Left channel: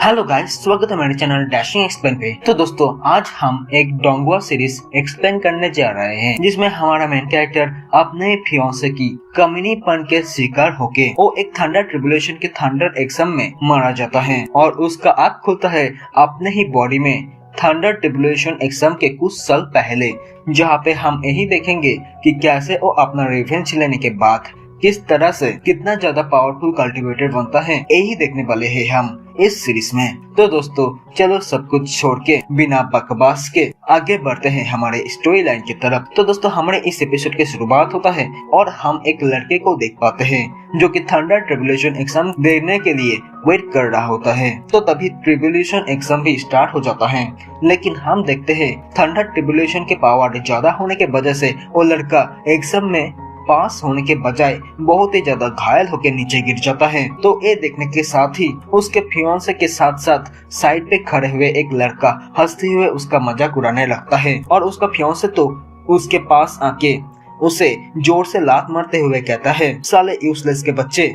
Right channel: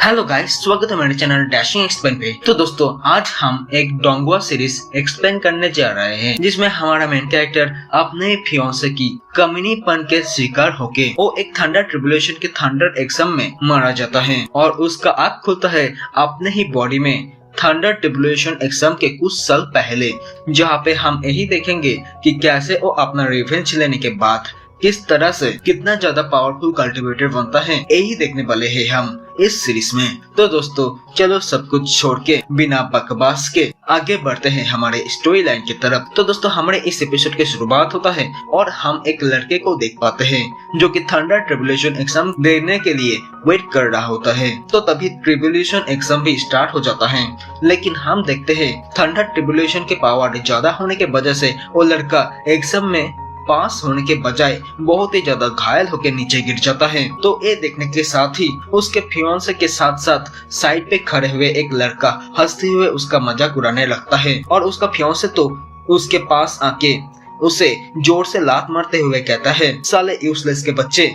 Hello guys, स्वागत है मेरे चैनल डैशिंग एक्सप्लेन पे। तो दोस्तों, आज हम एक डोंगवा सीरीज एक्सप्लेन करने जा रहे हैं, जिसमें हमारा मेन कैरेक्टर अपने फियांसे की कमीनीपन के शिकार होके वो एक थंडर ट्रिब्यूलेशन के थंडर एग्जाम में मारा जाता है और उसका आँख खुलता है अपने ही बॉडी में थंडर ट्रिब्यूलेशन एग्जाम के कुछ साल पहले, जहाँ पे हम यही देखेंगे कि कैसे वो अपना रिवेंज लेने के बाद किस तरह से कितना ज्यादा पावरफुल कल्टीवेटर बनता है, यही देखने वाले हैं हम इस सीरीज में। तो दोस्तों, चलो सब कुछ छोड़ के बिना बकवास के आगे बढ़ते हैं हमारे स्टोरी लाइन की तरफ। तो दोस्तों, हमारे इस एपिसोड की शुरुआत होता है और हम एक लड़के को देख पाते हैं जो कि थंडर ट्रिब्यूलेशन एग्जाम देने के लिए वेट कर रहा होता है। तो तभी ट्रिब्यूलेशन एग्जाम भी स्टार्ट हो जाता है, लेकिन हम देखते हैं थंडर ट्रिब्यूलेशन के पावर ज्यादा होने के वजह से वो लड़का एग्जाम में पास होने के बजाय बहुत ही ज्यादा घायल होकर नीचे गिर जाता है। तो ये देखने के साथ ही उसके फियांसे के साथ साथ साइड पे खड़े हुए एक लड़का हंसते हुए उसका मजाक उड़ाने लगता है और उसका फियांसे तो उसके पास आके उसे जोर से लात मारते हुए कहता है, साले यूजलेस के बच्चे,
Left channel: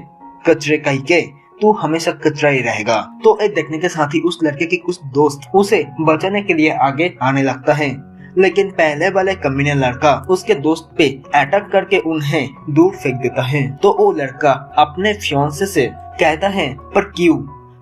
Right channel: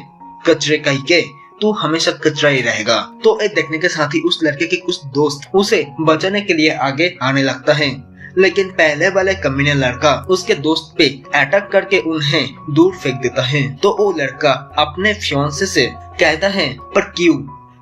कचरे कहीं के, तू हमेशा कचरा ही रहेगा। तो ये देखने के साथ ही उस लड़के के कुछ दोस्त उसे बचाने के लिए आगे आने लगता है, लेकिन पहले वाले कमीने लड़का उसके दोस्त पे अटैक करके उन्हें दूर फेंक देता है। तो वो लड़का अपने फियांसे से कहता है, पर क्यों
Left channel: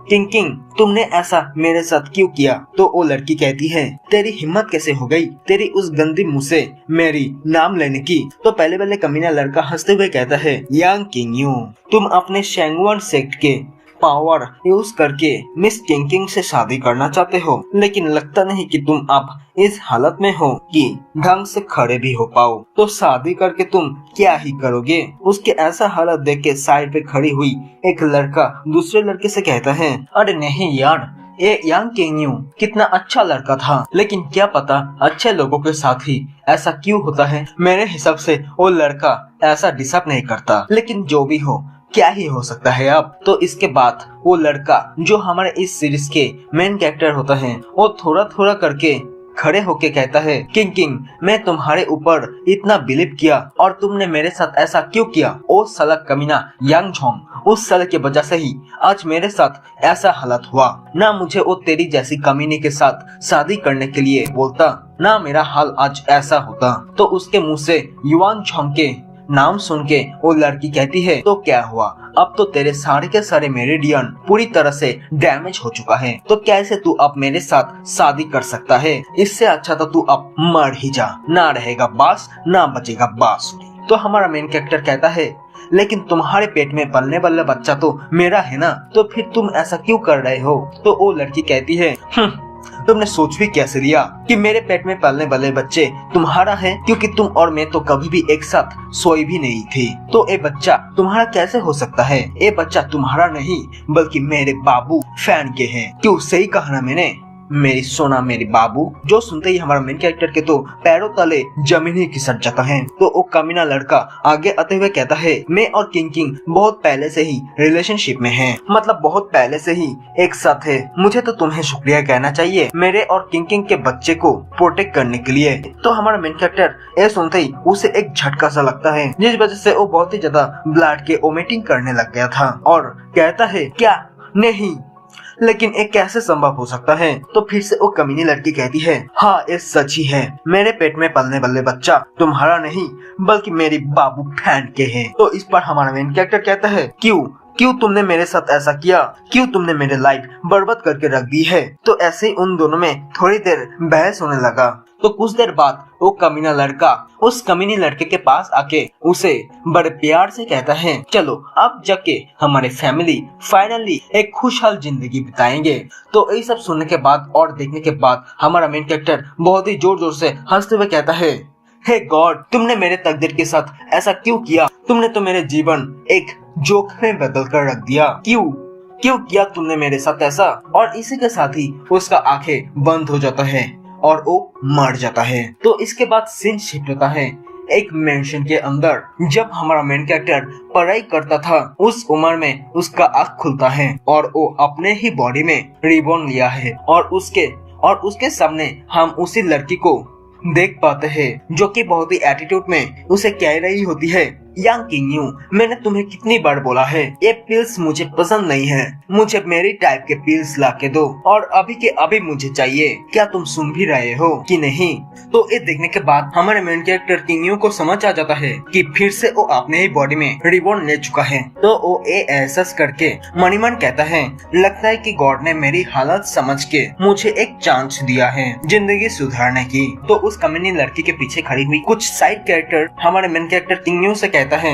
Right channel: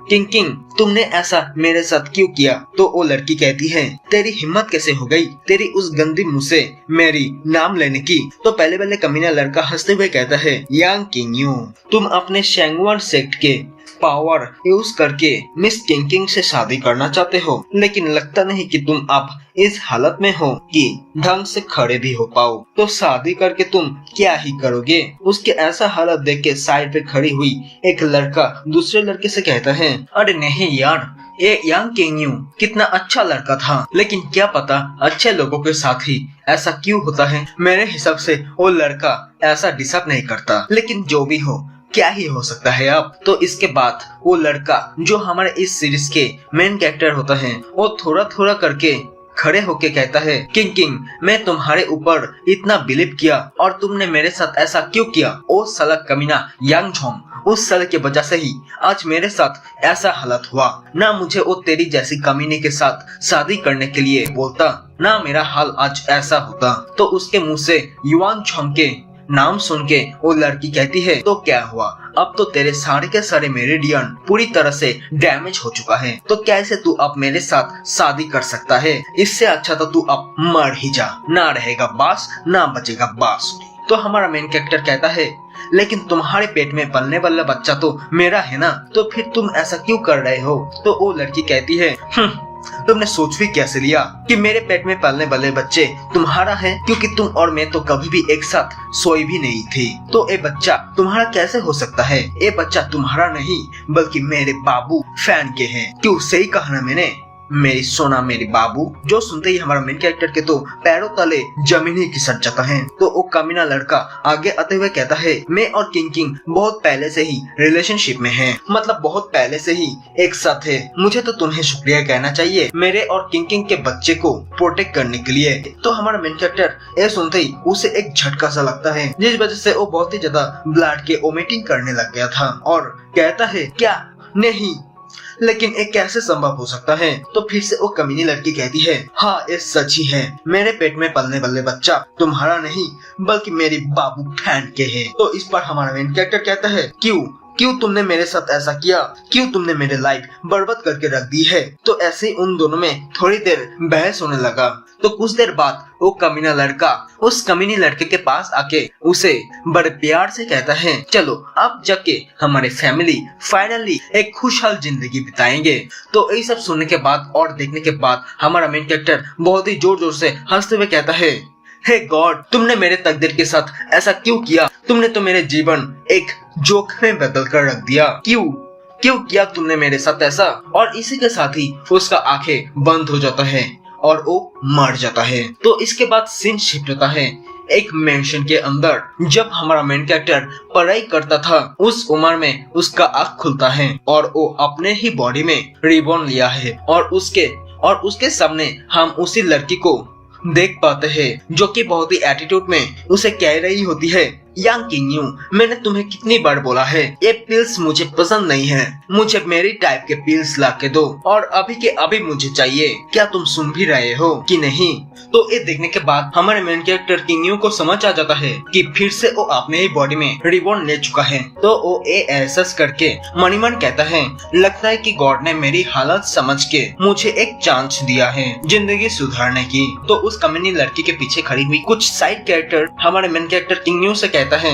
किंग, तुमने ऐसा मेरे साथ क्यों किया? तो वो लड़की कहती है, तेरी हिम्मत कैसे हो गई तेरी उस गंदी मुंह से मेरी नाम लेने की? तो पहले वाले कमीना लड़का हंसते हुए कहता है, यांग किंग, तुम अपने शेंगवान सेक्ट के पावर यूज करके मिस किंग से शादी करना चाहते हो, लेकिन लगता नहीं कि तुम अब इस हालत में हो कि ढंग से खड़े भी हो पाओ। तो शादी करके तुम क्या ही करोगे? उसके ऐसा हालत देख के साइड पे खड़ी हुई एक लड़का दूसरे लड़के से कहता है, अरे नहीं यार, ये यांग किंग कितना अच्छा लड़का था, लेकिन क्या पता अच्छे लोगों के साथ ही ऐसा क्यों होता है। मेरे हिसाब से वो लड़का ऐसा डिजर्व नहीं करता, लेकिन जो भी हो, क्या ही हो सकता है अब। तो इसके बाद वो लड़का जो हमारे इस सीरीज के मेन कैरेक्टर होता है, वो थोड़ा थोड़ा करके खड़े होके कहता है, किंग, मैं तुम्हारे ऊपर इतना बिलीव किया और तुमने मेरे साथ ऐसा क्यों किया? ओ साला कमीना यांग झोंग, उस साल के वजह से ही आज मेरे साथ ऐसा हालत हुआ। ना मुझे वो तेरी जैसी कमीने के साथ शादी करने के लिए बोलता, ना मेरा हाल आज ऐसा होता। तो उसके मुँह से युआन झोंग के नाम सुन के वो लड़की कहती है, तो क्या हुआ, अब तो तेरे सारे के सारे मेरिडियन पूरी तरह से डैमेज हो चुका है, तो कैसे तू अब मेरे साथ शादी कर सकता है? इससे अच्छा तो तू अब मर ही जा, ना रहेगा बांस ना बचेगा बांसुरी। तो हमारा मेन कैरेक्टर कहता है, लेकिन तुम्हारे पेट में पलने वाला बच्चा तो मेरा है ना, तो फिर तुम ऐसा क्यों कर रहे हो? तो वो लड़की कहती है, तुमने सोच भी कैसे लिया कि मेरे पेट में पलने वाले बच्चे तुम्हारा है, क्योंकि तुम और मैं तो कभी भी एक साथ सोई भी नहीं थी। तो ये बच्चा तुम्हारा कैसे हो सकता है? ये बच्चा तुम्हारा नहीं बल्कि मेरे बाबू फैन के हैं। क्यों, सही कहा ना मैंने, मेरी सोना मेरी बाबू। जो सुनते ही हमारा मेन कैरेक्टर के तो पैरों तले जमीन ही खिसक जाता है। तो वो कमीना लड़का आगे आते हुए कहता है, मैं और किंग बहुत पहले से ही रिलेशनशिप में हैं, मतलब बहुत पहले से ही एक साथ है। मुझे तो तुम्हें शुक्रिया कहना चाहिए मेरे और किंग के बच्चे को प्रोटेक्ट करने के लिए। तो हमारा मेन कैरेक्टर ये सुनते ही उसे एक झटका सा लगता है, जिस वजह से वो बहुत ही ज्यादा ब्लड के वोमिटिंग करने लग गया था और कहता है, क्या नहीं, लेकिन ये कैसे संभव हो सकता है? तो फिर से वो कमीनी लड़की कहती है, हाँ ये सच ही है, मेरे पेट में पलने वाले बच्चा तुम्हारा नहीं बल्कि मेरी बाबू फैन के हैं। तो इस पर हमारा मेन कैरेक्टर कहता है, क्यों तुमने मेरे साथ ऐसा किया? क्यों तुमने मेरी लाइफ बर्बाद करके रख दी है? तो ऐसे उन दोनों में थोड़ी देर बहस होने लगा। तो कुछ देर बाद वो कमीना लड़का उस कमीनी लड़के के पास आके उसे बड़े प्यार से कहता है, चलो अब जाके हमारे फैमिली फाइनली एक खुशहाल जिंदगी बिताएंगे। तो ये सब सुनने के बाद और देखने के बाद हमारा मेन कैरेक्टर बहुत ही जोर जोर से हंसते हुए कहता है, हे गॉड, तुमने मेरे तकदीर के साथ ऐसा क्यों किया? तुमने तो मेरे जीवन एक जोक में बदल कर रख दिया। क्यों किया तुमने मेरे साथ ऐसा? और इसी के साथ ही उसका आंखें बंद हो जाता है और वो मर जाता है। तो इसके बाद सीन शिफ्ट होता है एक मेंशन के अंदर। जब हमारा मेन कैरेक्टर पढ़ाई करता था, उस उम्र में उसका आँख खुलता है और वो अपने ही बॉडी में रिबॉन लिया है और उसके सामने हम उसी लड़की को देख पाते हैं जो कि बहुत ही एटीट्यूड में उसे कह रही होती है, यांग किंग यू, मैंने तुम्हें कितनी बार बोला है ये पिल्स मुझे पसंद नहीं है, मुझे मेरी टाइप के पिल्स ला के दो और अभी के अभी मुझे चाहिए। क्या तुम सुन भी रहे हो कि नहीं? तो ये देखने के बाद हमारे मेन कैरेक्टर किंग यू को समझ आ जाता है कि फिर से वो अपने ही बॉडी में रिबॉर्न ले चुका है। तो वो एहसास करके मन ही मन कहता है, लगता है कि गॉड ने मेरी हालत समझ के मुझे एक चांस दिया है जिंदगी सुधारने की। तो उस कमीनी लड़की के पीछे खड़ी हुई कुछ साइड कैरेक्टर हमारे मेन कैरेक्टर किंग यू से कहता है,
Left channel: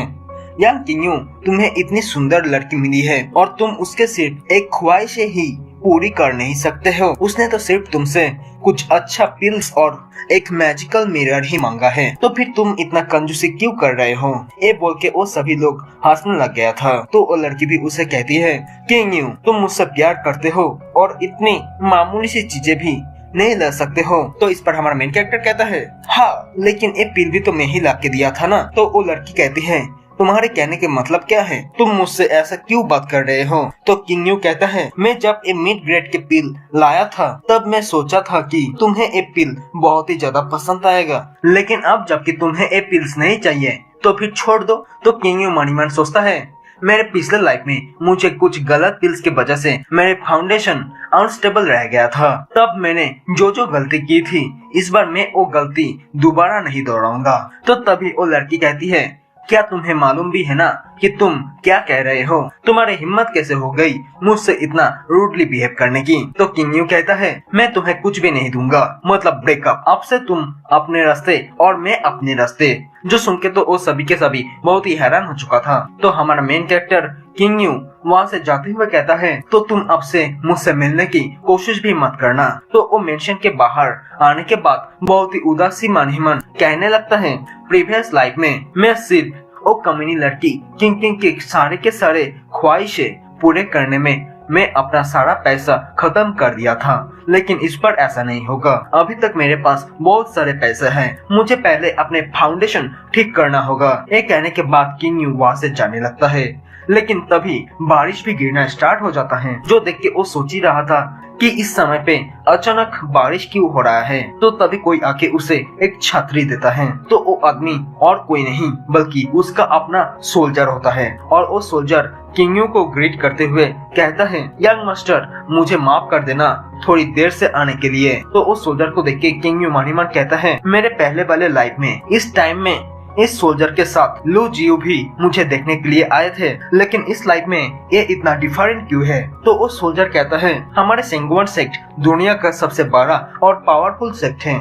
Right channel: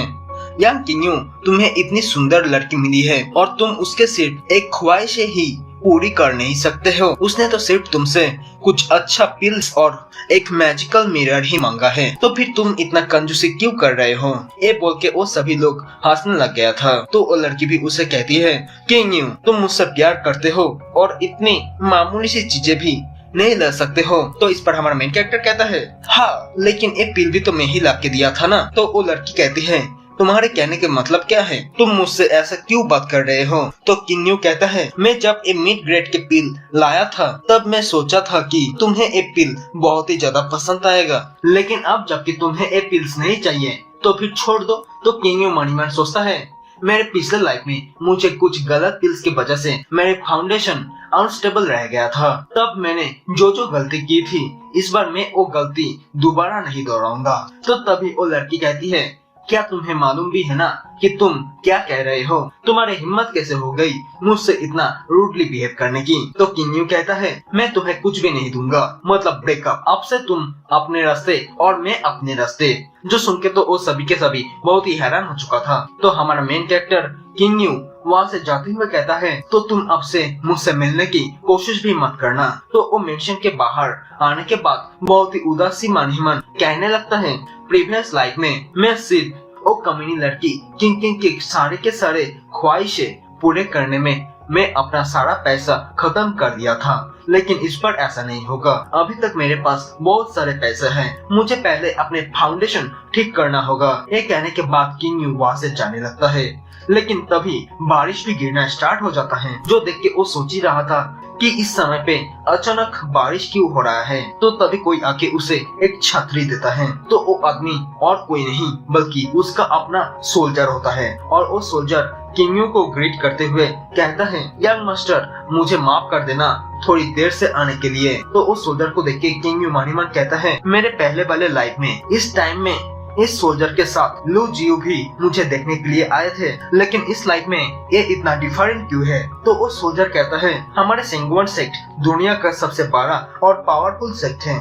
यांग किंग यू, तुम्हें इतनी सुंदर लड़की मिली है और तुम उसके सिर्फ एक ख्वाहिशें ही पूरी कर नहीं सकते हो। उसने तो सिर्फ तुमसे कुछ अच्छा पिल्स और एक मैजिकल मिरर ही मांगा है, तो फिर तुम इतना कंजूसी क्यों कर रहे हो? ये बोल के वो सभी लोग हंसने लग गया था। तो वो लड़की भी उसे कहती है, किंग यू, तुम मुझसे प्यार करते हो और इतनी मामूली सी चीजें भी नहीं ले सकते हो। तो इस पर हमारा मेन कैरेक्टर कहता है, हाँ लेकिन एक पिल भी तो मैं ही ला के दिया था ना। तो वो लड़की कहती है, तुम्हारे कहने के मतलब क्या है? तुम मुझसे ऐसा क्यों बात कर रहे हो? तो किंग यू कहता है, मैं जब ये मिड ग्रेड के पिल लाया था तब मैं सोचा था कि तुम्हें ये पिल बहुत ही ज्यादा पसंद आएगा, लेकिन अब जबकि तुम्हें ये पिल्स नहीं चाहिए तो फिर छोड़ दो। तो किंग यू मन ही मन सोचता है, मेरे पिछले लाइफ में मुझे कुछ गलत पिल्स की वजह से मेरे फाउंडेशन अनस्टेबल रह गया था। तब मैंने जो जो गलती की थी इस बार मैं वो गलती दोबारा नहीं दोहराऊंगा। तो तभी वो लड़की कहती है, क्या तुम्हें मालूम भी है ना कि तुम क्या कह रहे हो? तुम्हारी हिम्मत कैसे हो गई मुझसे इतना रूडली बिहेव करने की? तो किंग यू कहता है, मैं तुम्हें कुछ भी नहीं दूंगा, मतलब ब्रेकअप। अब से तुम अपने रास्ते और मैं अपने रास्ते। जो सुन के तो वो सभी के सभी बहुत ही हैरान हो चुका था। तो हमारा मेन कैरेक्टर किंग यू वहाँ से जाते हुए कहता है, तो तुम अब से मुझसे मिलने की कोशिश भी मत करना। तो वो मेंशन के बाहर आने के बाद बहुत ही उदासी मन ही मन कहने लगता है, प्रीवियस लाइफ में मैं सिर्फ वो कमीनी लड़की किंग किंग के सारे ख्वाहिशें पूरे करने में मैं अपना सारा पैसा खत्म कर दिया था, लेकिन इस पर ऐसा नहीं होगा। अभी तक मेरे पास बहुत सारे पैसे हैं, मुझे पहले अपने फाउंडेशन ठीक करना होगा। ये कहने के बाद किंग यू वहाँ से जाने लगता है, लेकिन तभी बारिश भी गिरना स्टार्ट हो जाता है। जो देख के वो सोच ही रहा था कि इस समय पे अचानक बारिश क्यों हो रहा है। तो तभी कोई आके उसे एक छतरी देता है। तो वो आदमी और कोई नहीं बल्कि उसका अपना सोल्जर होता है, और वो सोल्जर किंग यू को ग्रीट करते हुए कहता है, यंग मास्टर, मुझे माफ कर देना थोड़ी देर से आने के लिए। तो उस सोल्जर को देख के किंग यू मन ही मन कहता है, मेरे पहले वाले लाइफ में इस टाइम में इस सोल्जर के साथ लू जियो भी मुझे देखने के लिए आए थे, लेकिन इस लाइफ में ये इतना डिफरेंट क्यों है? तो वो सोल्जर कहता है, हमारे सेंगवन सेक्ट दुनिया का सबसे बड़ा और पावरफुल सेक्ट है,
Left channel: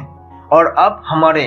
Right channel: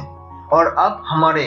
और अब हमारे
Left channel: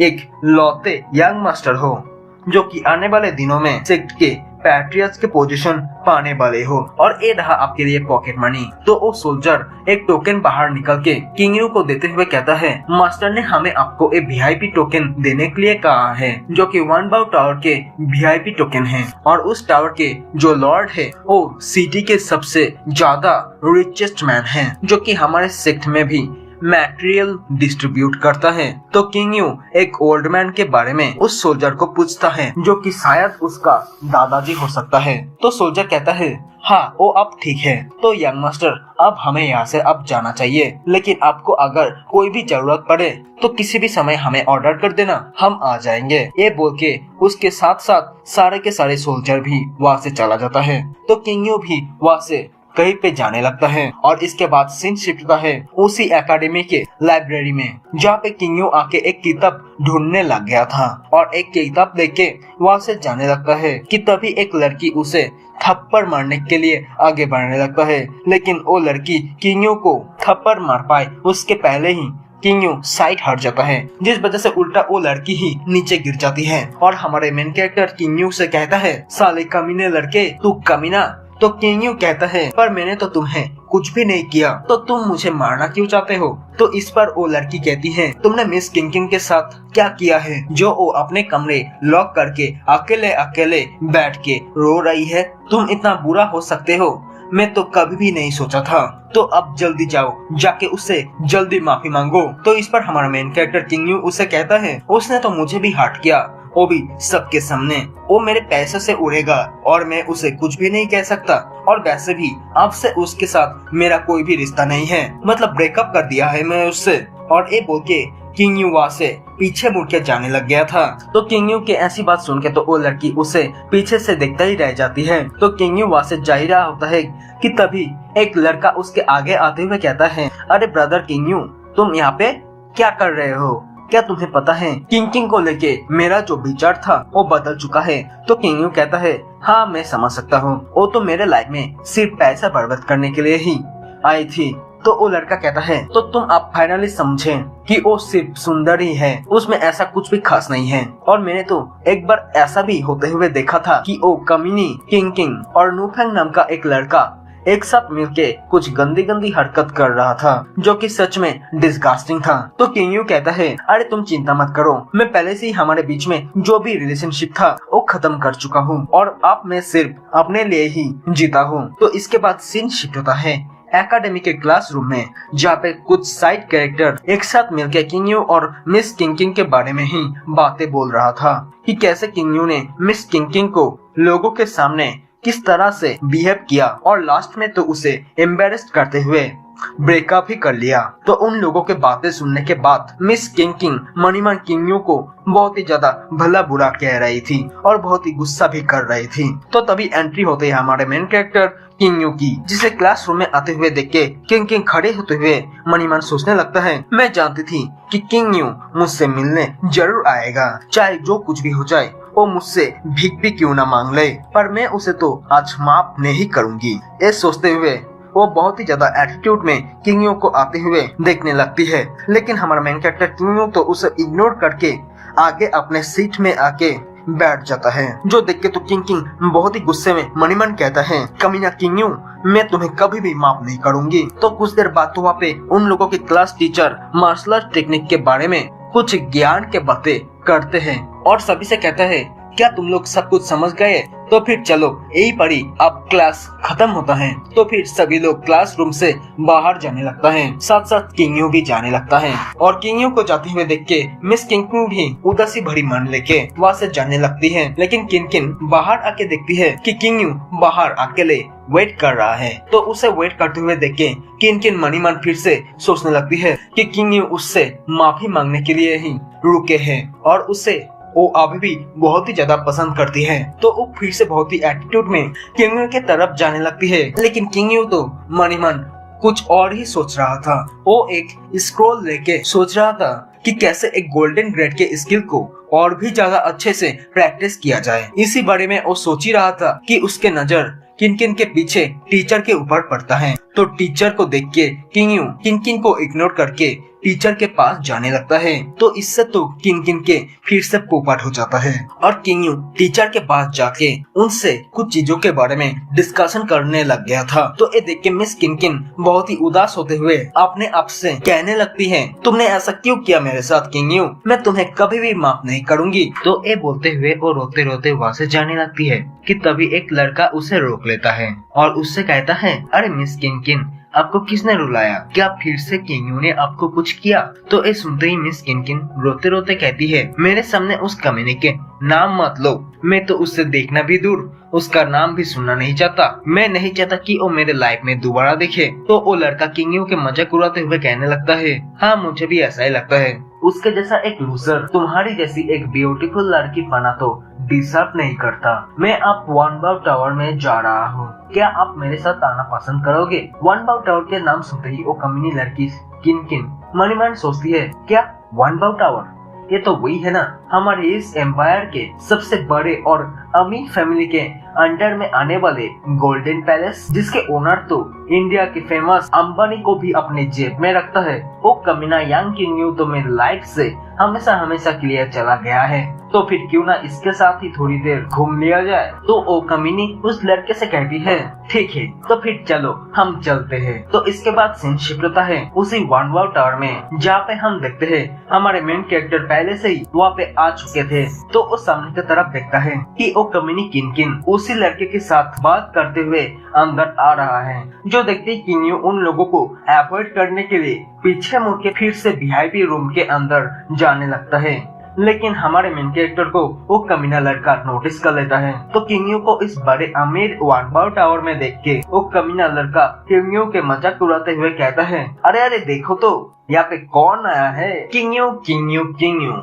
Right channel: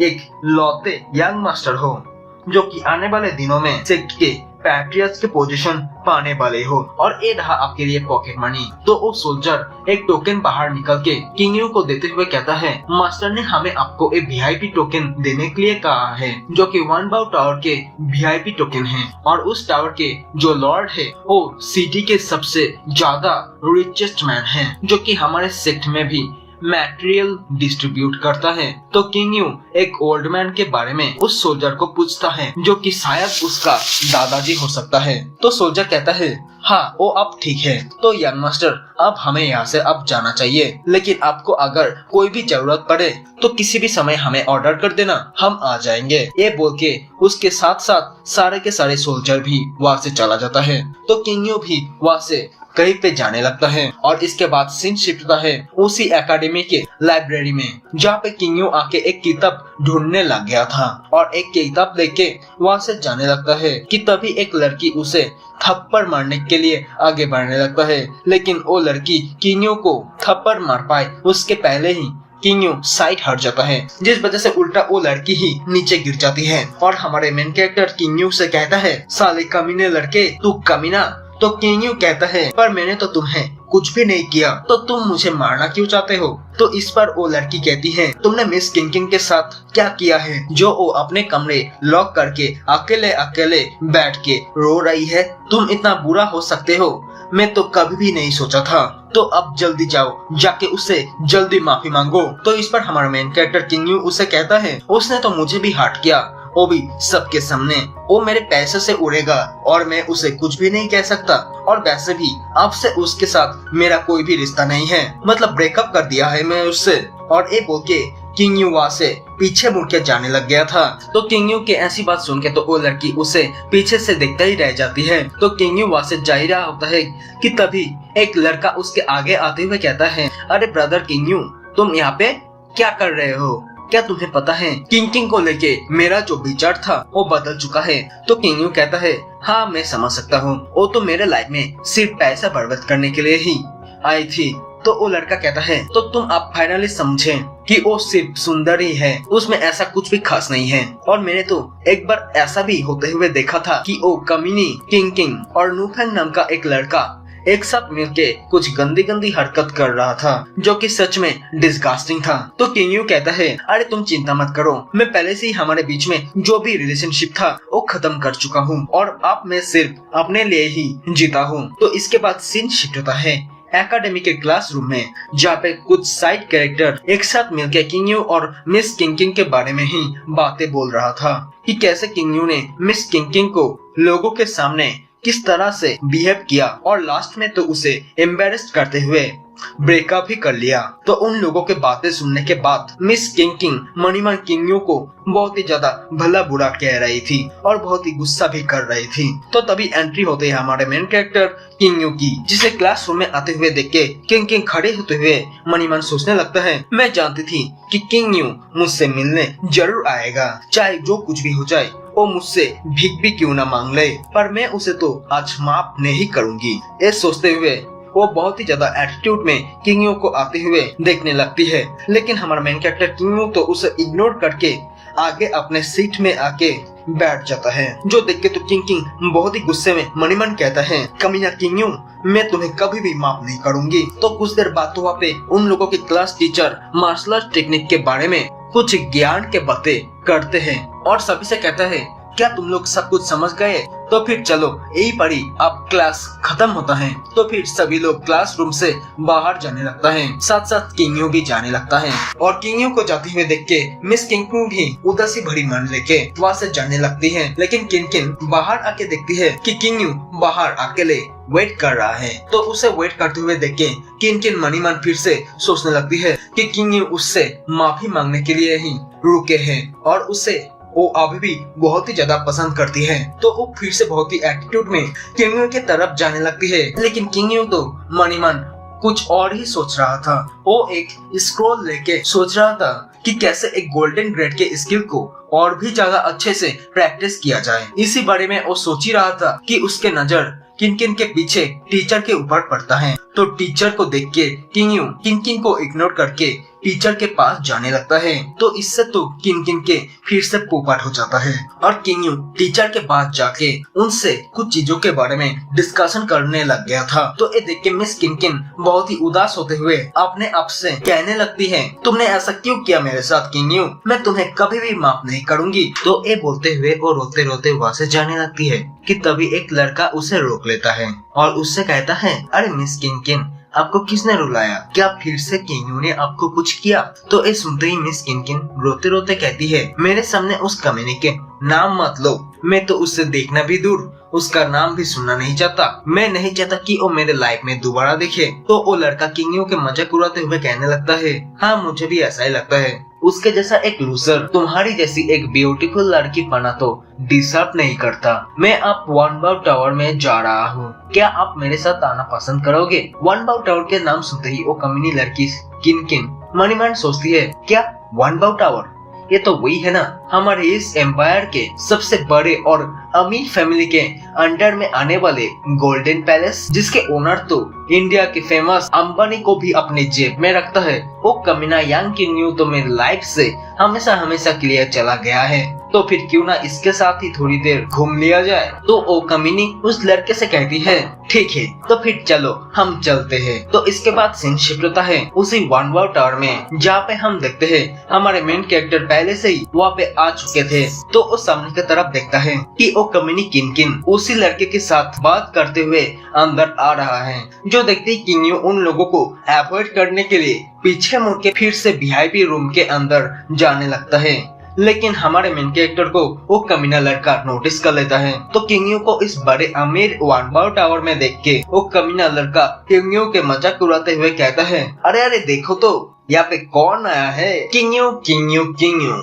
एक लौते यंग मास्टर हो जो कि आने वाले दिनों में सेक्ट के पैट्रियट्स के पोजीशन पाने वाले हो, और ये रहा आपके लिए पॉकेट मनी। तो वो सोल्जर एक टोकन बाहर निकल के किंग यू को देते हुए कहता है, मास्टर ने हमें आपको एक वीआईपी टोकन देने के लिए कहा है, जो कि वन बाउ टावर के वीआईपी टोकन है, और उस टावर के जो लॉर्ड है वो सिटी के सबसे ज्यादा रिचेस्ट मैन है, जो कि हमारे सेक्ट में भी मटेरियल डिस्ट्रीब्यूट करता है। तो किंग यू एक ओल्ड मैन के बारे में उस सोल्जर को पूछता है, जो कि शायद उसका दादाजी हो सकता है। तो सोल्जर कहता है, हाँ वो अब ठीक है। तो यंग मास्टर, अब हमें यहाँ से अब जाना चाहिए, लेकिन आपको अगर कोई भी जरूरत पड़े तो किसी भी समय हमें ऑर्डर कर देना, हम आ जाएंगे। ये बोल के उसके साथ साथ सारे के सारे सोल्जर भी वहाँ से चला जाता है। तो किंग यू भी वहाँ से कहीं पे जाने लगता है, और इसके बाद सीन शिफ्ट होता है उसी एकेडमी के लाइब्रेरी में, जहाँ पे किंग यू आके एक किताब ढूंढने लग गया था, और एक किताब लेके वहाँ से जाने लगता है कि तभी एक लड़की उसे थप्पड़ मारने के लिए आगे बढ़ने लगता है, लेकिन वो लड़की किंग यू को थप्पड़ मार पाए उसके पहले ही किंग यू साइड हट जाता है, जिस वजह से उल्टा वो लड़की ही नीचे गिर जाती है। और हमारे मेन कैरेक्टर किंग यू से कहता है, साले कमीने लड़के, तू कमीना। तो किंग यू कहता है, पर मैंने तो तुम्हें कुछ भी नहीं किया, तो तुम मुझे मारना क्यों चाहते हो? तो इस पर वो लड़की कहती है, तुमने मिस किंग किंग के साथ क्या किया है जो वो अपने कमरे लॉक करके अकेले अकेले बैठ के रो रही है? तुम इतना बुरा हो सकते हो, मैं तो कभी भी नहीं सोचा था। तो अब जल्दी जाओ, जाके उससे जल्दी माफी मांगो। तो इस पर हमारा मेन कैरेक्टर किंग यू उसे कहता है, उसने तो मुझे भी हर्ट किया, वो भी सबके सामने। वो मेरे पैसे से उड़ेगा और मैं उसे कुछ भी नहीं कह सकता, और वैसे भी अब से उसके साथ मेरा कोई भी रिश्ता नहीं है, मतलब ब्रेकअप कर दिया है मैं उससे। और ये बोल के किंग यू वहाँ से पीछे मुड़ के जाने लग गया था। तो किंग यू के ऐसी बात सुन के तो वो लड़की उसे पीछे से देखता ही रह जाती है। तो किंग यू वहाँ से जा ही रहा होता है कि तभी एक लड़का उसके आगे आते हुए कहता है, अरे ब्रदर किंग यू, तुम यहाँ पे क्या कर रहे हो? क्या तुम्हें पता है किंग को लेके मेरा जो विचार था वो बदल चुका है? तो किंग यू कहता है, हाँ मैं समझ सकता हूँ, वो तो मेरे लाइफ में सिर्फ पैसा बर्बाद करने के लिए ही आई थी। तो वो लड़का कहता है, तो तुम आप फाइनली समझे कि वो सिर्फ सुंदर ही है, उसमें ऐसा कुछ भी खास नहीं है। और मैंने तो एक बार ऐसा भी होते हुए देखा था कि वो कमीनी किंग और नूफेंग नाम का एक लड़का एक साथ मिलके कुछ गंदी गंदी हरकत कर रहा था, जो कि सच में डिस्गस्टिंग था। तो किंग यू कहता है, अरे तुम चिंता मत करो, मैं पहले से ही हमारे बीच में जो भी रिलेशनशिप था वो खत्म कर चुका हूँ और अब मैं सिर्फ अपने लिए ही जीता हूँ। तो इसके बाद सीन शिफ्ट होता है एकेडमी के क्लासरूम में, जहाँ पे कुछ साइड कैरेक्टर एक साथ मिलकर किंग यू और मिस किंग के बारे में ही बातें बोल रहा था कि कैसे किंग यू ने मिस किंग को लोगों के सामने किस तरह से बिहेव किया और लास्ट में तो उसे एम्बेरस करते हुए ब्रेकअप ही कर लिया। तो उन लोगों के बातें सुनने के बाद मिस किंग मणिमन किंग यू को बहुत ही ज्यादा भला बुरा कह रही थी और बहुत ही गुस्सा भी कर रही थी। तो तभी एंट्री होते है हमारे मेन कैरेक्टर किंग यू की, जिसे क्लासरूम में आते हुए देख के किंग खड़े होते हुए मणिमन सोचने लगता है, मैं जानती थी कि किंग यू मुझसे मिलने जरूर आएगा, चाहे जो कुछ भी हो जाए, वो मुझसे भीख भी क्यों ना मांग ले, पर मैं उसे तो आज माफ नहीं करूंगी। ये सोचते हुए वो बहुत ही ज्यादा एटीट्यूड में किंग यू को आते हुए देखने लगती है। लेकिन हमारा मेन कैरेक्टर किंग यू तो उसे इग्नोर करके आगे अपने सीट में आके बैठ जाता है, जो देख के तो किंग बहुत ही गुस्से में मणिमन कहता है, कमीना किंग यू, मैं तुम्हें कभी भी माफ नहीं करूंगी। तो कुछ देर बाद तो वहाँ पे उन लोगों के class teacher martial art technique के बारे में कुछ ज्ञान के बातें करते हैं और सभी से कहता है, क्या तुम लोग सब कुछ समझ गए? तो फिर चलो यही पढ़ी अब क्लास खत्म होता है। तो फिर सभी लोग क्लासरूम से बाहर जाने लगता है, साथ साथ किंग यू भी जाने लगता है। और किंग यू को जाते हुए देख के मिस किंग भी उदासी भरी मन लेके वहाँ से जाने लगती है। लेकिन किंग बाहर आके देखती है कि किंग यू बाहर अकेले वेट कर रहा है। तो उसे वेट करते हुए देख के किंग मणिमन फिर से सोचने लगती है कि किंग यू उससे माफी मांगने के लिए ही रुके हैं और उसे वो अभी भी बहुत ही ज्यादा पसंद करती है। तो वो फिर से बहुत ही एटीट्यूड में किंग यू के तरफ जाने लगती है। लेकिन किंग यू तो मणिमन कुछ और ही सोच रहा था। वो एक स्क्रॉल लेके सोच रहा था कि कैसे एक गोल्डन ग्रेड के स्किल को और भी ज्यादा अच्छे से प्रैक्टिस किया जाए। इसी बारे में वो सोच ही रहा था कि उसके नजर किंग के पीछे टीचर के ऊपर पड़ता है। तो टीचर को देख के किंग को इग्नोर करके टीचर के पास जाने लगता है। तो इससे तो किंग के फिर से पोपट हो जाता है और किंग यू टीचर के पास जाके उनसे कुछ चीजों के बारे में डिस्कशन करने लग गया था। तो ये देख के मिस किंग बहुत ही उदास होते हुए अपने आप से कहने लगती है, तुमने ऐसा क्यों किया मेरे साथ किंग यू, मैं तुम्हें कभी भी माफ नहीं करूंगी। तो ये बोलते हुए वो रोते रोते वहाँ से जाने लगती है कि तभी एक लड़का उसे रोक लेता है और उससे कहता है, अरे मिस किंग, आपको किसने रुलाया? क्या फिर से किंग यू ने आपको कुछ किया? तो ये सुनते ही मिस किंग रोते रोते कहती है, मेरे सामने उस कमीने के नाम मत लो, मैं तो उससे देखना भी दूर उसका नाम भी सुनना नहीं चाहता। मैं नहीं चाहता कि वो मेरे लाइफ में दोबारा दिखे। तो वो लड़का किंग यू के मजाक उड़ाते हुए कहने लगता है, हाँ मुझे भी ऐसा ही लगता है, उसके जैसा एक लूजर तुम्हारी जैसी एक ब्यूटीफुल लड़की पाना तो डिजर्व नहीं करता। मैं अब वन बाउ टावर में जा रहा हूँ, क्या आप मेरे साथ आना पसंद करोगे? वन बाउ टावर के नाम सुनते ही वो कमीनी लड़की किंग मणिमन सोचती है, क्या वन बाउ टावर? ये तो वही है ना, हमारे इस एम्पायर के सबसे बड़े और अमीर फैमिली के अंडर में आने वाले गोल्डन पैलेस, जिसके ओनर तो इंडिया के फेमस अंबानी को भी अपने जेब में रखता है। वो कमीना यांग किंग यू तो मेरी लाइफ से हमेशा के लिए चला गया है, तो फिर क्यों ना इसके साथ ही थोड़ी देर घूम लिया जाए। तो ओ कमीनी उस लड़के से कहती है, ठीक है तो फिर चलो हम चलते हैं। तो इसके बाद सीन शिफ्ट होता है उसी वन वाव टावर में, जहाँ पे हम देखते हैं हमारे मेन कैरेक्टर पहले से ही वहाँ पे आ चुके थे। तो वो सामने की तरफ देखता है कि ओ कमीनी किंग उसी लड़के के साथ बात करते हुए अंदर आ रहा है, जो देखते ही किंग यू उन लोगों को अवॉइड करने के लिए पीछे मुड़ के फिर से वीआईपी रूम के अंदर जाने लगता है। लेकिन हमारे मेन कैरेक्टर को वो कमीना लड़का नोटिस कर लेता है। तो किंगयू को इस बड़े अमीर वानबाओ टावर में देख के वो कमीना लड़का किंगयू के मजाक उड़ाते हुए कहता है, अरे अरे देखो तो यहाँ पे कौन आया है। किंगयू किंगयू किंगयू,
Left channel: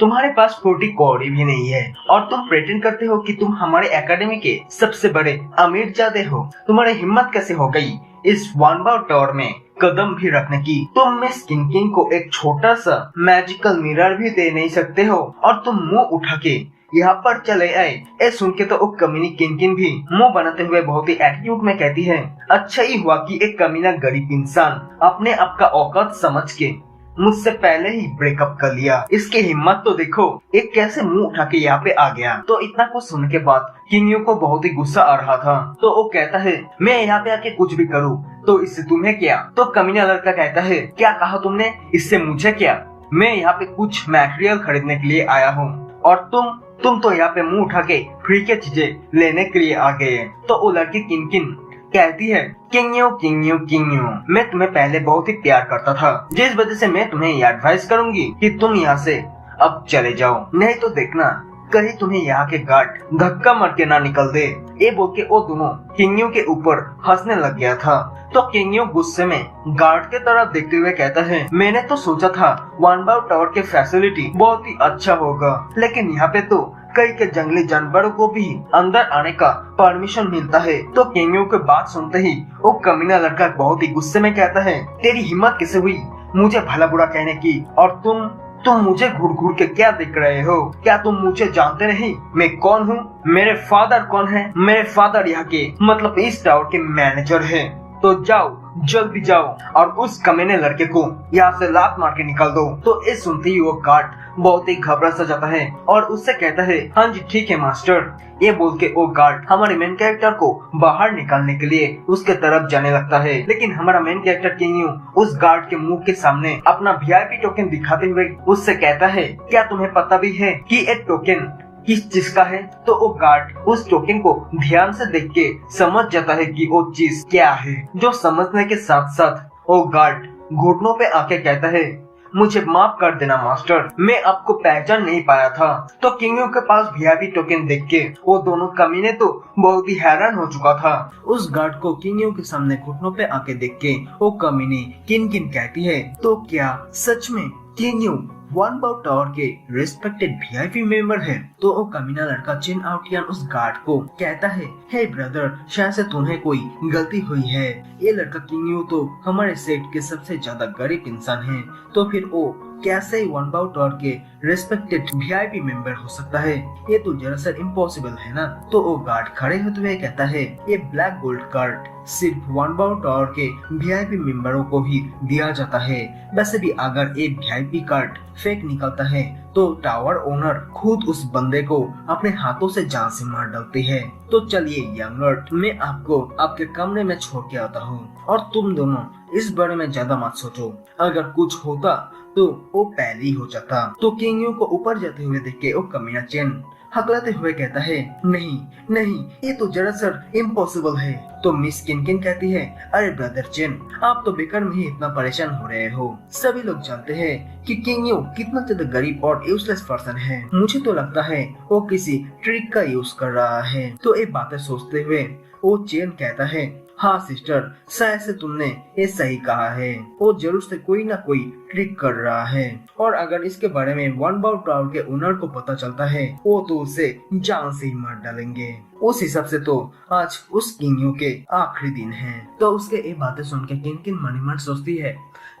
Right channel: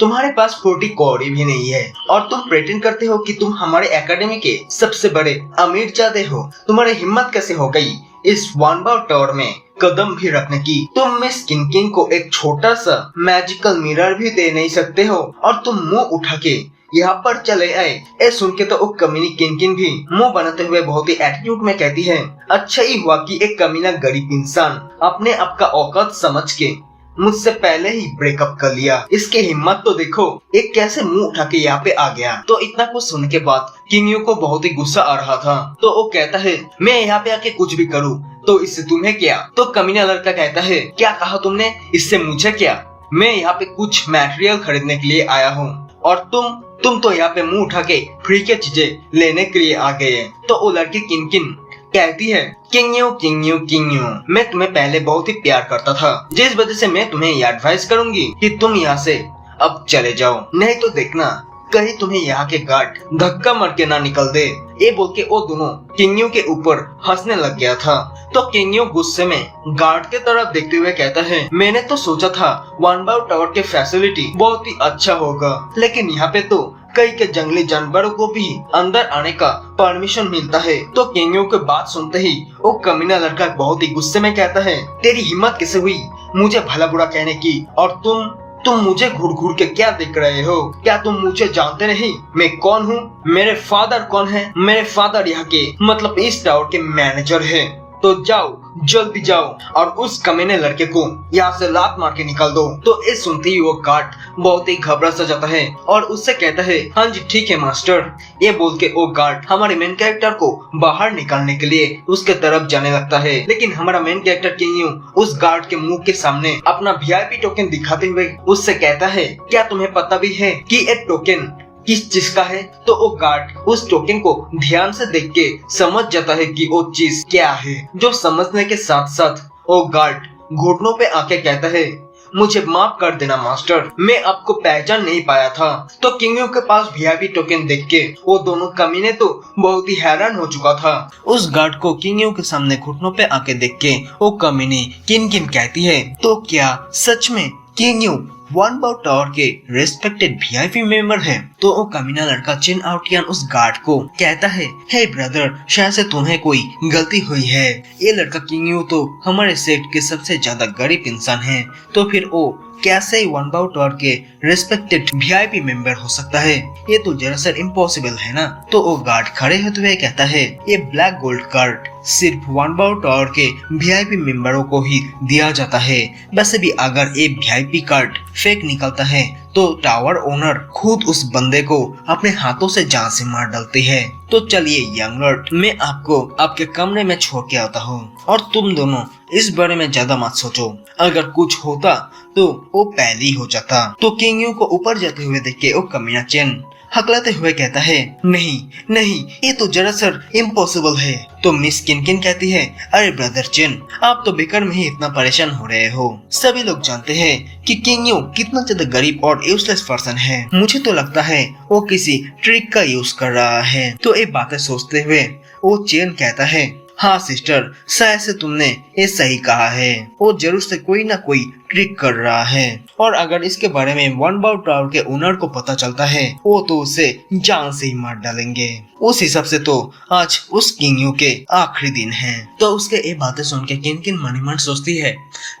तुम्हारे पास 40 कौड़ी भी नहीं है और तुम प्रेटेंड करते हो कि तुम हमारे एकेडमी के सबसे बड़े अमीर जादे हो। तुम्हारी हिम्मत कैसे हो गई इस वानबाओ टावर में कदम भी रखने की। तुम मिस किंकिन को एक छोटा सा मैजिकल मिरर भी दे नहीं सकते हो और तुम मुंह उठा के यहाँ पर चले आए। ये सुन के तो कमीनी किंकिन भी मुंह बनाते हुए बहुत ही एटीट्यूड में कहती है, अच्छा ही हुआ कि एक कमीना गरीब इंसान अपने आप का औकात समझ के मुझसे पहले ही ब्रेकअप कर लिया। इसकी हिम्मत तो देखो, एक कैसे मुंह उठा के यहाँ पे आ गया। तो इतना कुछ सुनने के बाद किंगयू को बहुत ही गुस्सा आ रहा था। तो वो कहता है, मैं यहाँ पे आके कुछ भी करूँ तो इससे तुम्हें क्या। तो कमीना लड़का कहता है, क्या कहा तुमने, इससे मुझे क्या। मैं यहाँ पे कुछ मटेरियल खरीदने के लिए आया हूँ और तुम तो यहाँ पे मुंह उठा के फ्री के चीजें लेने के लिए आ गए हैं। तो वो लड़की किंकिन कहती है, किंगयू किंगयू किंगयू, मैं तुम्हें पहले बहुत ही प्यार करता था, जिस वजह से मैं तुम्हें यह एडवाइस करूंगी कि तुम यहाँ से अब चले जाओ, नहीं तो देखना कहीं तुम्हें यहाँ के गार्ड धक्का मार के ना निकल दे। ये बोल के वो दोनों किंगयू के ऊपर हंसने लग गया था। तो किंगयू गुस्से में गार्ड के तरफ देखते हुए कहता है, मैंने तो सोचा था वानबाओ टावर के फैसिलिटी बहुत ही अच्छा होगा, लेकिन यहाँ पे तो कई के जंगली जानवरों को भी अंदर आने का परमिशन मिलता है। तो किंगयू की बात सुनते ही वो कमीना लड़का बहुत ही गुस्से में कहता है, तेरी हिम्मत कैसे हुई मुझे भला बुरा कहने की, और तुम मुझे घूर घूर के क्या देख रहे हो। क्या तुम मुझे जानते नहीं मैं कौन हूँ, मेरे फादर कौन है। मेरे फादर यहाँ के मतलब इस टावर के मैनेजर है। तो जाओ जल्दी जाओ और उस कमीने लड़के को यहाँ से लात मार के निकाल दो। तो इस सुनते ही वो गार्ड बहुत ही घबरा सा जाता है और उससे कहता है, हाँ जी ठीक है मास्टर। ये बोल के वो गार्ड हमारे मेन कैरेक्टर को बाहर निकालने के लिए उसके तरफ जाने लगता है। लेकिन हमारा मेन कैरेक्टर किंगयू उस गार्ड के मुंह के सामने अपना वीआईपी टोकन दिखाते हुए उससे कहता है, क्या तुम्हें पता भी है कि ये टोकन किस चीज का है। तो वो गार्ड उस टोकन को ध्यान से देख के समझ जाता है कि वो चीज क्या है। जो समझने के साथ साथ वो गार्ड घुटनों पे आके कहता है, मुझे माफ कर देना मास्टर, मैं आपको पहचान नहीं पाया था। तो किंगयू के पास वीआईपी टोकन देख के वो दोनों कमीने तो बहुत ही हैरान हो चुका था। उस गार्ड को किंगयू के सामने घुटनों पे आके देख के वो कमीने किन कहती है, तो क्या सच में किंगयू वानबाओ टावर के रेस्पेक्टेड वीआईपी मेंबर है। तो वो कमीना लड़का चिन आउटियन उस गार्ड को कहता है, हे ब्रदर, शायद से तुम्हें कोई गलती हुई है। ये लड़का किंगयू तो हमारे सेक्ट के सबसे ज्यादा गरीब इंसान है, तो फिर वो कैसे वानबाओ टावर के रेस्पेक्टेड वीआईपी मेंबर हो सकता है। ये तो दरअसल इम्पॉसिबल है ना। तो वो गार्ड खड़े होते हुए कहता है, ये ब्लैक गोल्ड कार्ड सिर्फ वानबाओ टावर के वीआईपी मेंबरों को ही दिया जाता है। वैसे भी अगर ये वीआईपी कार्ड फेक निकलता है तो टावर ओनर खुद उस बंदे को अपने हाथों से जान से मार डालती है। तो चलिए यंग लॉर्ड, मैं आपको आपके कमरे में छोड़ के आता हूँ और तुम दोनों इस बारे में ज्यादा मत सोचो। अगर कुछ होता तो वो पहले ही हो जाता। तो किंगयू को ऊपर जाते हुए देख के वो कमीना चेन हकलाते हुए कहता है, नहीं नहीं, ये तो दरअसल इम्पॉसिबल है। तो मिस किनकिन कहती है, अरे ब्रदर चेन, आप तो बेकार में ही इतना परेशान हो रहे हो। सभी लोग जानते हैं कि किंगयू कितना ज्यादा गरीब और यूजलेस पर्सन है। मुझे तो लगता है वो किसी ट्रिक का यूज कर रहा है। तो ये बातें सोचते हुए वो चेन कहता है, हाँ सिस्टर, शायद से तुमने ये सही कहा है, वो जरूर से कोई ना कोई ट्रिक कर रहा है। और अगर इसके बारे में वानबाओ टावर के ओनर को पता चलता है वो तो उसे जान से ही मार डालेंगे। उस हिसाब से तो आज उस किंगयू के आखिरी दिन है। तो उसके ये बातें सुन के किन मन ही मन सोचती है,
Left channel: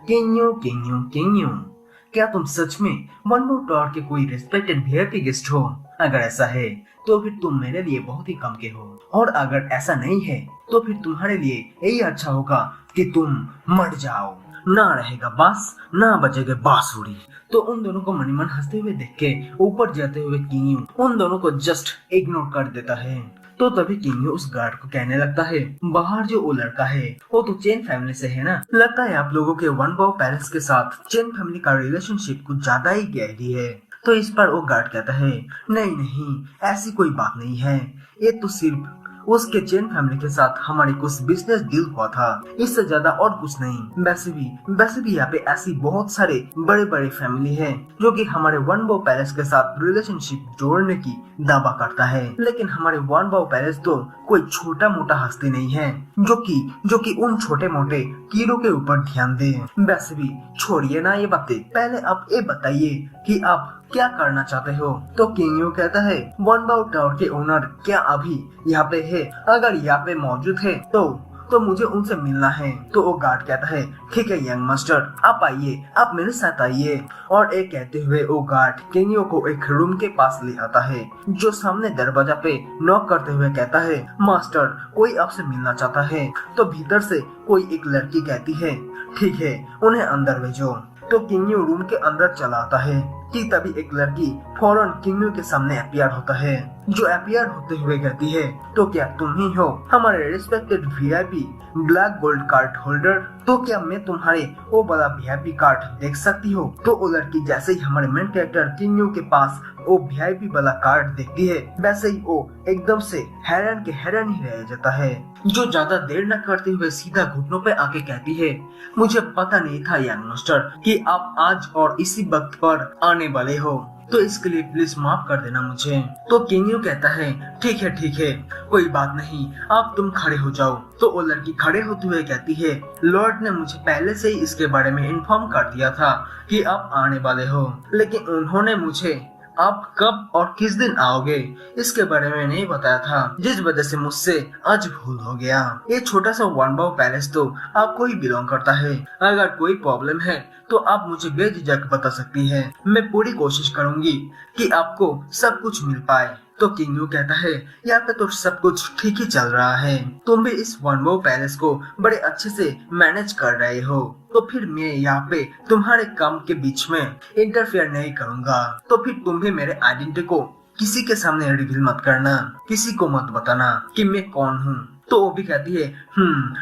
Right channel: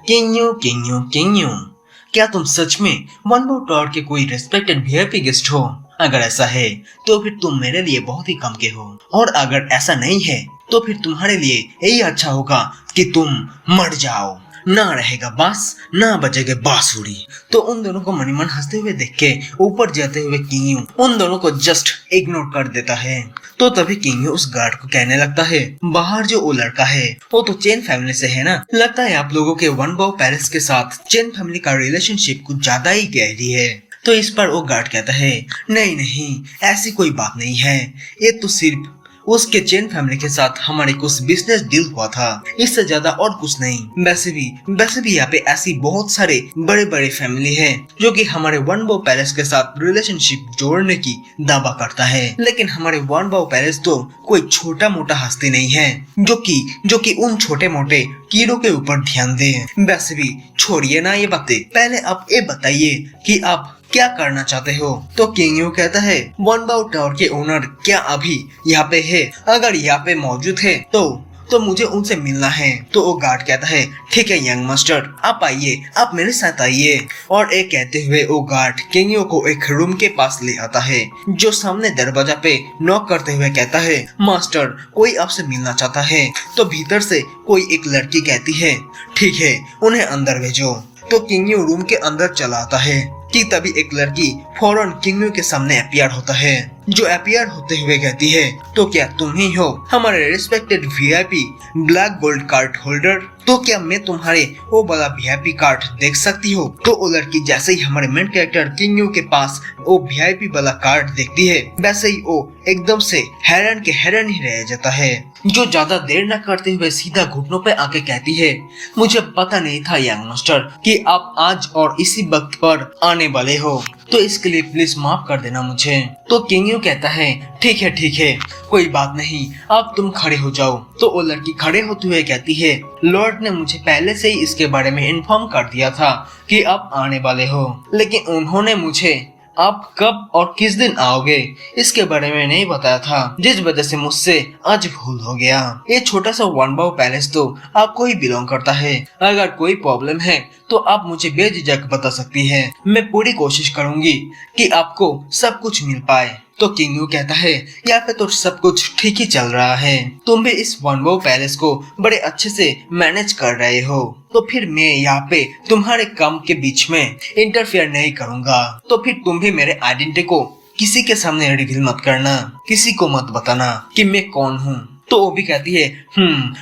किंगयू किंगयू किंगयू, क्या तुम सच में वानबाओ टावर के कोई रेस्पेक्टेड वीआईपी गेस्ट हो। अगर ऐसा है तो फिर तुम मेरे लिए बहुत ही कम के हो, और अगर ऐसा नहीं है तो फिर तुम्हारे लिए यही अच्छा होगा कि तुम मर जाओ। ना रहेगा बांस ना बजेगा बांसुरी। तो उन दोनों को मनी मन हंसते हुए देख के ऊपर जाते हुए किंगयू उन दोनों को जस्ट इग्नोर कर देता है। तो तभी किंगयू उस गार्ड को कहने लगता है, बाहर जो वो लड़का है वो तो चेन फैमिली से है ना। लगता है आप लोगों के वानबाओ पैलेस के साथ चेन फैमिली का रिलेशनशिप कुछ ज्यादा ही गहरी है। तो इस पर वो गार्ड कहता है, नहीं नहीं, ऐसी कोई बात नहीं है, ये तो सिर्फ उसके चेन फैमिली के साथ हमारे कुछ बिजनेस डील हुआ था, इससे ज्यादा और कुछ नहीं। वैसे भी यहाँ पे ऐसी बहुत सारे बड़े बड़े फैमिली है जो कि हमारे वन बाओ पैलेस के साथ रिलेशनशिप जोड़ने की दावा करता है, लेकिन हमारे वन बाओ पैलेस तो कोई छोटा मोटा हस्ती नहीं है जो कि उन छोटे मोटे कीड़ों के ऊपर ध्यान दे। वैसे भी छोड़िए ना ये बातें, पहले आप ये बताइए कि आप क्या करना चाहते हो। तो किंग यू कहता है वन बाओ टावर के ओनर क्या अभी यहाँ पे है? अगर यहाँ पे मौजूद है तो मुझे उनसे मिलना है। तो वो गार्ड कहता है ठीक है यंग मास्टर, आप आइए, आप मेरे साथ आइए। और एक कहते हुए वो गार्ड किंग यू को एक रूम के पास ले आता है, जो सामने दरवाजा पे नॉक करते हुए कहता है मास्टर कोई आपसे मिलना चाहता है। तो भीतर से कोई एक लड़की कहती है ठीक है उन्हें अंदर भेजो। तो किंग यू रूम के अंदर चला आता है कि तभी एक लड़की फौरन किंग यू के सामने अपीयर होता है, जो अपीयर होते हुए कहती है तो क्या तुम ही हो हमारे respected VIP black gold card holder? तो क्या मैं तुम्हारे वो वाला वीआईपी कार्ड देख सकती हो? तो वो लड़की जैसे ही हमारे मेन कैरेक्टर किंग यू के पास वो वीआईपी वाला कार्ड देखती है, वैसे ही वो एकदम से हैरान ही रह जाता है, जो ज्यादा देर न करते हुए सीधा घुटनों पे आके कहती है मुझे पता नहीं था यंग मास्टर कि आप आज और इसी वक्त पर आने वाले हो, तो इसके लिए प्लीज माफ कर देना मुझे। तो किंग यू कहता है ठीक है कोई बात नहीं, अब तुम खड़े हो जाओ। तो वो लड़की खड़े होते हुए कहती है लॉर्ड ने मुझे पहले से ही इसके बारे में इन्फॉर्म कर दिया था कि आप आने वाले हो, लेकिन उन्होंने मुझे आप कब और किस दिन आओगे इसके बारे में नहीं बताया था, जिस वजह से मुझसे आज भूल हो गया। ये छोटा सा वन बाओ पैलेस तो आपको ही बिलोंग करता है, अगर कोई प्रॉब्लम है तो आप मुझे बेझिझक बता सकती है, मैं पूरी कोशिश करूंगी कि आपको सब कुछ मिल पाए। तो किंग यू कहता है यहाँ पे तो सब कुछ ठीक ही चल रहा है, तुम भी इस वन बाओ पैलेस को बड़े अच्छे से मैनेज कर रहे हो, तो फिर मैं यहाँ पे तुम्हारे काम के बीच में इंटरफेयर नहीं करूँगा। तो फिर तुम भी मेरे आइडेंटिटी को किसी के सामने रिवील मत करना, किसी को मत बताना कि मैं कौन हूँ। तो वो भी कहती है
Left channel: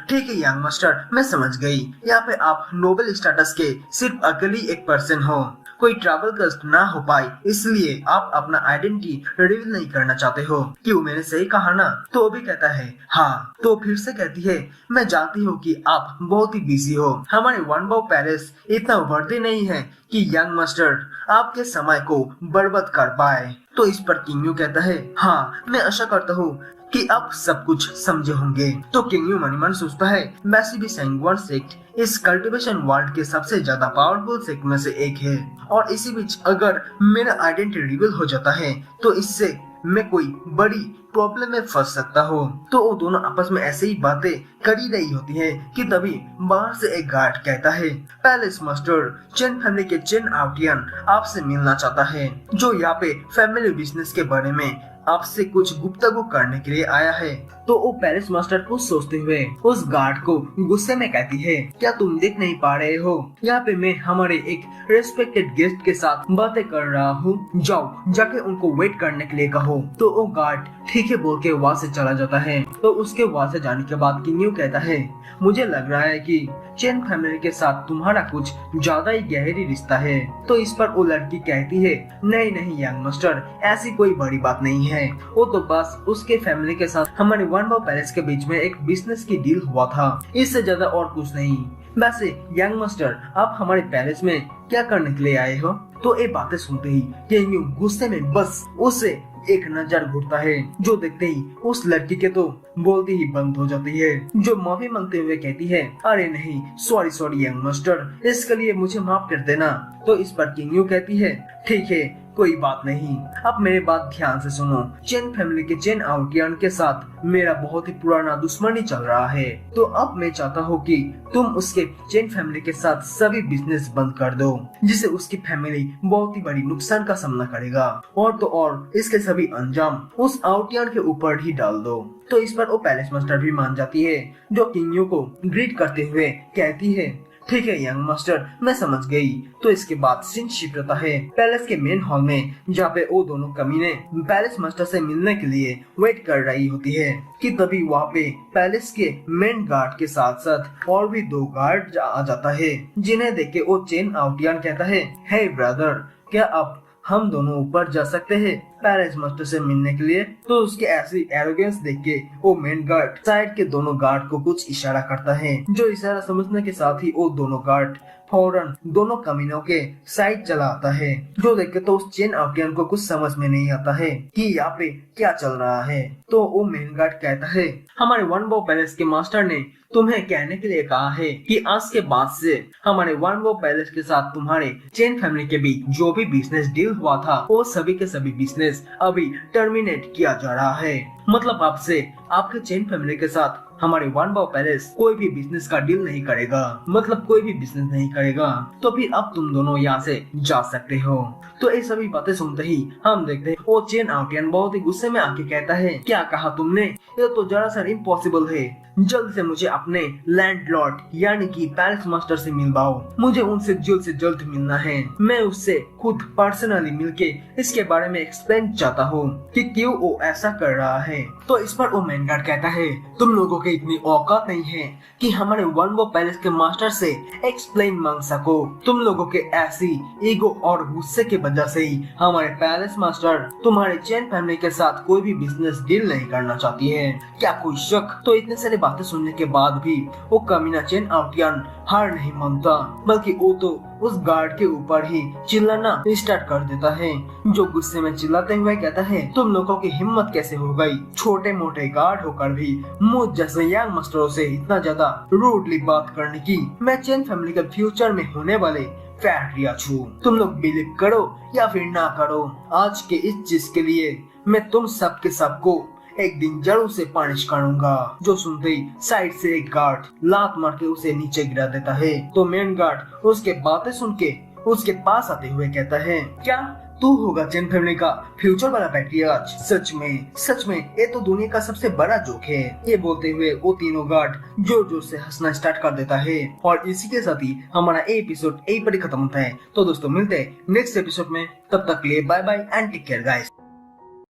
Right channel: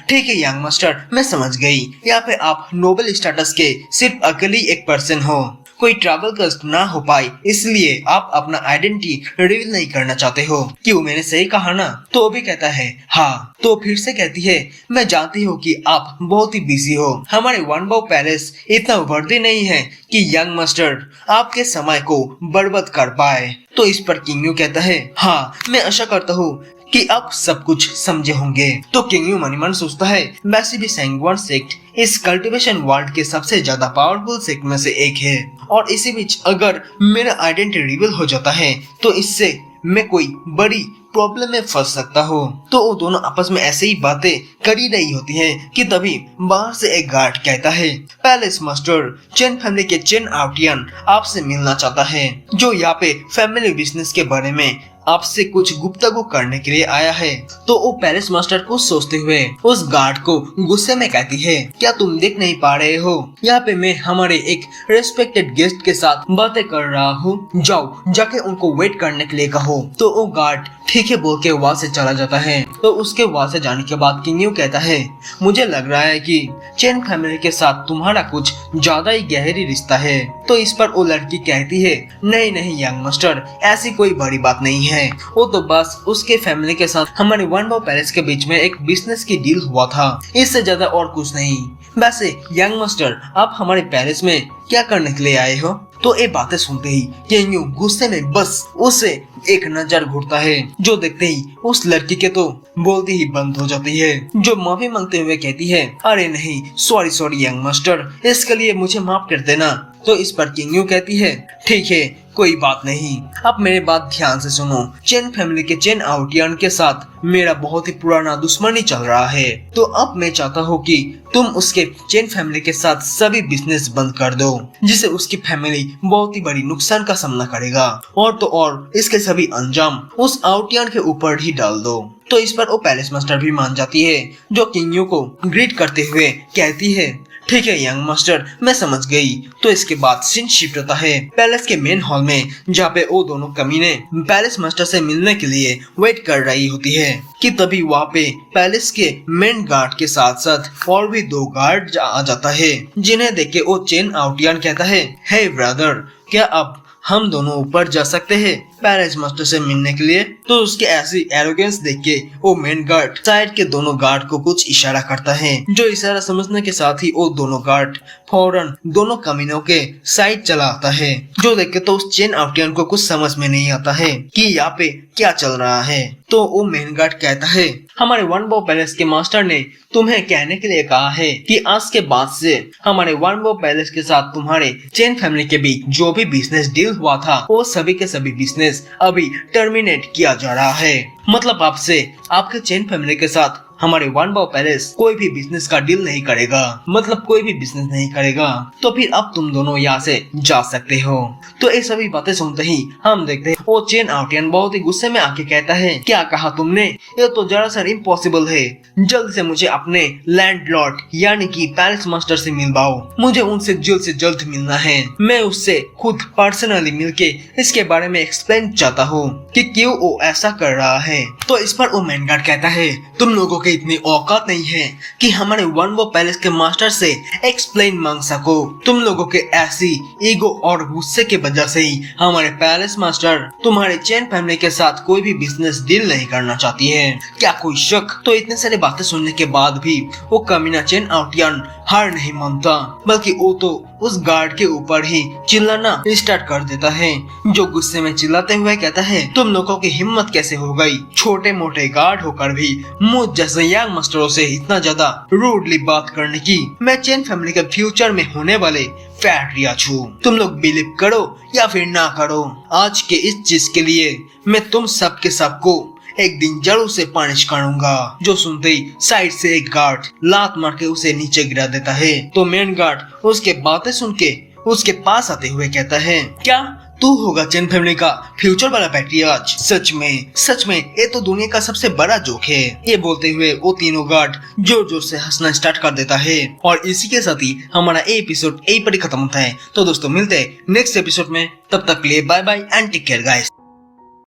ठीक है यंग मास्टर, मैं समझ गई, यहाँ पे आप नोबल स्टेटस के सिर्फ अकेले एक पर्सन हो, कोई ट्रैवल कस्ट ना हो पाए इसलिए आप अपना आइडेंटिटी रिवील नहीं करना चाहते हो। क्यों, मैंने सही कहा ना? तो वो भी कहता है हाँ। तो फिर से कहती है मैं जानती हूँ कि आप बहुत ही बिजी हो, हमारे वन बाओ पैलेस इतना वर्दी नहीं है कि यंग मास्टर आपके समय को बर्बाद कर पाए। तो इस पर किंग यू कहता है हाँ, मैं आशा करता हूँ कि आप सब कुछ समझे होंगे। तो किंग यू मन सोचता है वैसे भी सैंगवान सेक्ट इस कल्टीवेशन वर्ल्ड के सबसे ज्यादा पावरफुल सेक्ट में से एक है, और इसी बीच अगर मेरा आइडेंटिटी रिवील हो जाता है तो इससे मैं कोई बड़ी प्रॉब्लम में फंस सकता हो। तो वो दोनों आपस में ऐसे ही बातें कर ही रही होती हैं कि तभी बाहर से एक गार्ड कहता है पैलेस मास्टर चेन फैमिली के चेन आउटियन आपसे मिलना चाहता है, जो यहाँ पे फैमिली बिजनेस के बारे में आपसे कुछ गुफ्तगू करने के लिए आया है। तो वो पैलेस मास्टर को सोचते हुए उस गार्ड को गुस्से में कहती है क्या तुम देख नहीं पा रहे हो, यहाँ पे मैं हमारे एक रेस्पेक्टेड गेस्ट के साथ बातें कर रहा हूँ, जाओ जाके उनको वेट करने के लिए कहो। तो वो गार्ड ठीक है बोल के वहाँ से चला जाता है। तो उसके वहाँ से जाने के बाद किंग यू कहता है मुझे लग रहा है कि चेन फैमिली के साथ तुम्हारा कुछ ज्यादा ही गहरी रिश्ता है। तो इस पर वो लड़की कहती है नहीं यंग मास्टर, ऐसी कोई बड़ी बात नहीं है, वो तो बस उसके फैमिली के साथ हमारे वन बाओ पैलेस के बीच में एक बिजनेस की डील हुआ था, इससे ज्यादा और कुछ नहीं। वैसे यंग मास्टर आप हमारे पैलेस में क्या करने के लिए आए हो? तो ये बातें सुनते ही किंग यू गुस्से में बस उसे एक नजर घूरता है, जो देखते ही उस लड़की के तो बोलती ही बंद हो जाती है, जो माफी मांगते हुए कहती है अरे नहीं सॉरी यंग मास्टर, इसके लिए मुझे माफ कर देना। तो इस पर किंग यू कहती है ठीक है कोई बात नहीं, अब मेरे बात ध्यान से सुनो, चेन फैमिली के चेन आउटियन के साथ मेरा बहुत ही पुराना दुश्मनी चल रहा है, तो अब मैं चाहता हूँ कि तुम उसके चेन फैमिली के साथ सभी बिजनेस बंद कर दो, जिसे उसकी फैमिली बहुत ही बड़ी नुकसान का सामना करेगा, और तो और इसके सभी अंजाम उस आउटियन के ऊपर ही डाल दो। तो इस पर वो पैलेस मास्टर भी मान जाती है, जो किंग यू को ग्रीट करते हुए कहती है ठीक है यंग मास्टर, मैं समझ गई। तो इसके बाद सीन शिफ्ट होता है पैलेस के मेन हॉल में, जहाँ पे वो दोनों कमीने पैलेस मास्टर से मिलने के लिए वेट कर रही होती है कि तभी वहाँ पे पैलेस के मेन गार्ड के साथ साथ और भी दो गार्ड आ जाता है, जिन्हें देख के वो चेन आउटियन कहता है हे ब्रदर, क्या आप हम दोनों ऊपर जा सकते हैं? पैलेस मास्टर से मिलने के लिए। तो उसके ऐसी एरोगेंस देख के वो मेन गार्ड साइड के दोनों गार्ड को कुछ इशारा करता है, जो इशारा समझने के साथ ही वो दोनों गार्ड फौरन दोनों कमीनों के साइड चला आता है। जो देख के तो उस चेन आउटियन को कुछ समझ में नहीं आता है कि यहाँ पे क्या चल रहा है। तो वो मेन गार्ड कहता है, हमारे वन बो पैलेस के मास्टर ने तुम्हें कहने के लिए कहा है कि आज के बाद से हमारे वन बो पैलेस के साथ तुम्हारे चेन फैमिली के बीच जो भी बिजनेस डील हुआ था वो सभी के सभी बिजनेस अभी टर्मिनेट किया जा रहा है। मतलब आपसे आपके चेन फैमिली के साथ हमारे वन बो पैलेस कोई भी बिजनेस का डील नहीं करेगा, मतलब कोई भी बिजनेस नहीं करेगा। तो फिर अब तुम दोनों यहाँ से जा सकते हो। तो ये सभी बातें सुनते ही हम देखते हैं वो चेन आउटियन बहुत ही गुस्से में आके कहता है, क्या कहा तुमने? ये तो दरअसल इम्पॉसिबल है। जल्द से मुझे अपने लैंडलॉर्ड यानी कि पैलेस मास्टर से मिलवाओ। मुझे उनसे जल्द मिलना है। मैं उससे खुद पर्सनली मिलके इसके बारे में एक्सप्लेन चाहता हूँ कि क्यों वो ऐसा कर रहा है। तो इस पर वो मैन गार्ड कहता है, तुम लोगों के इतनी औकात नहीं है कि हमारे वन वो पैलेस के मास्टर से एक्सप्लेन मांग सको। तुम लोगों के ऐसी ईगो और गुस्से के वजह से ही हमारे पैलेस मास्टर तुम्हारे चेन फैमिली के साथ कोई भी बिजनेस डील नहीं करना चाहती है। क्या कोई शक? तो इतने सारे बातें सुनने के बाद भी वो कमीना चेन आउटियन हार नहीं मानता, बल्कि वो तो उस गार्ड के ऊपर ही चिल्लाना स्टार्ट कर देता है, जो गुस्से में चिल्लाते हुए कहता है, तुम लोगों की हिम्मत कैसे हो गई छोटे मोटे गार्ड होकर भी मुझ जैसे यंग मास्टरों से इतना ज्यादा रूडली बात करने की। मैं चेन फैमिली के फ्यूचर में होने वाले फैट रियाज हूँ। तुम लोग बिलीव करो या फिर ना करो, आज के इस चीज के लिए मैं तुम सबके सबको एक दिन जरूर से पनिश करूंगा। जो सुनते ही साइड से एक गार्ड लात मार के उसे नीचे गिरा देता है। तो मेन गार्ड उसके बातें सुन के उसके पास आते हुए कहता है, क्या तू होगा चेन फैमिली का फ्यूचर वाला पैट्रियार्च? सच में ये तो दुनिया का सबसे बड़ा जोक है। ये बोलते हुए वो तीनों गार्ड जोर जोर से हंसना स्टार्ट कर देता है। और इसी के साथ ही हमारा एपिसोड यही पर खत्म होता है। तो दोस्तों मिलते हैं नेक्स्ट एपिसोड में, तब तक के लिए bye bye and take care guys.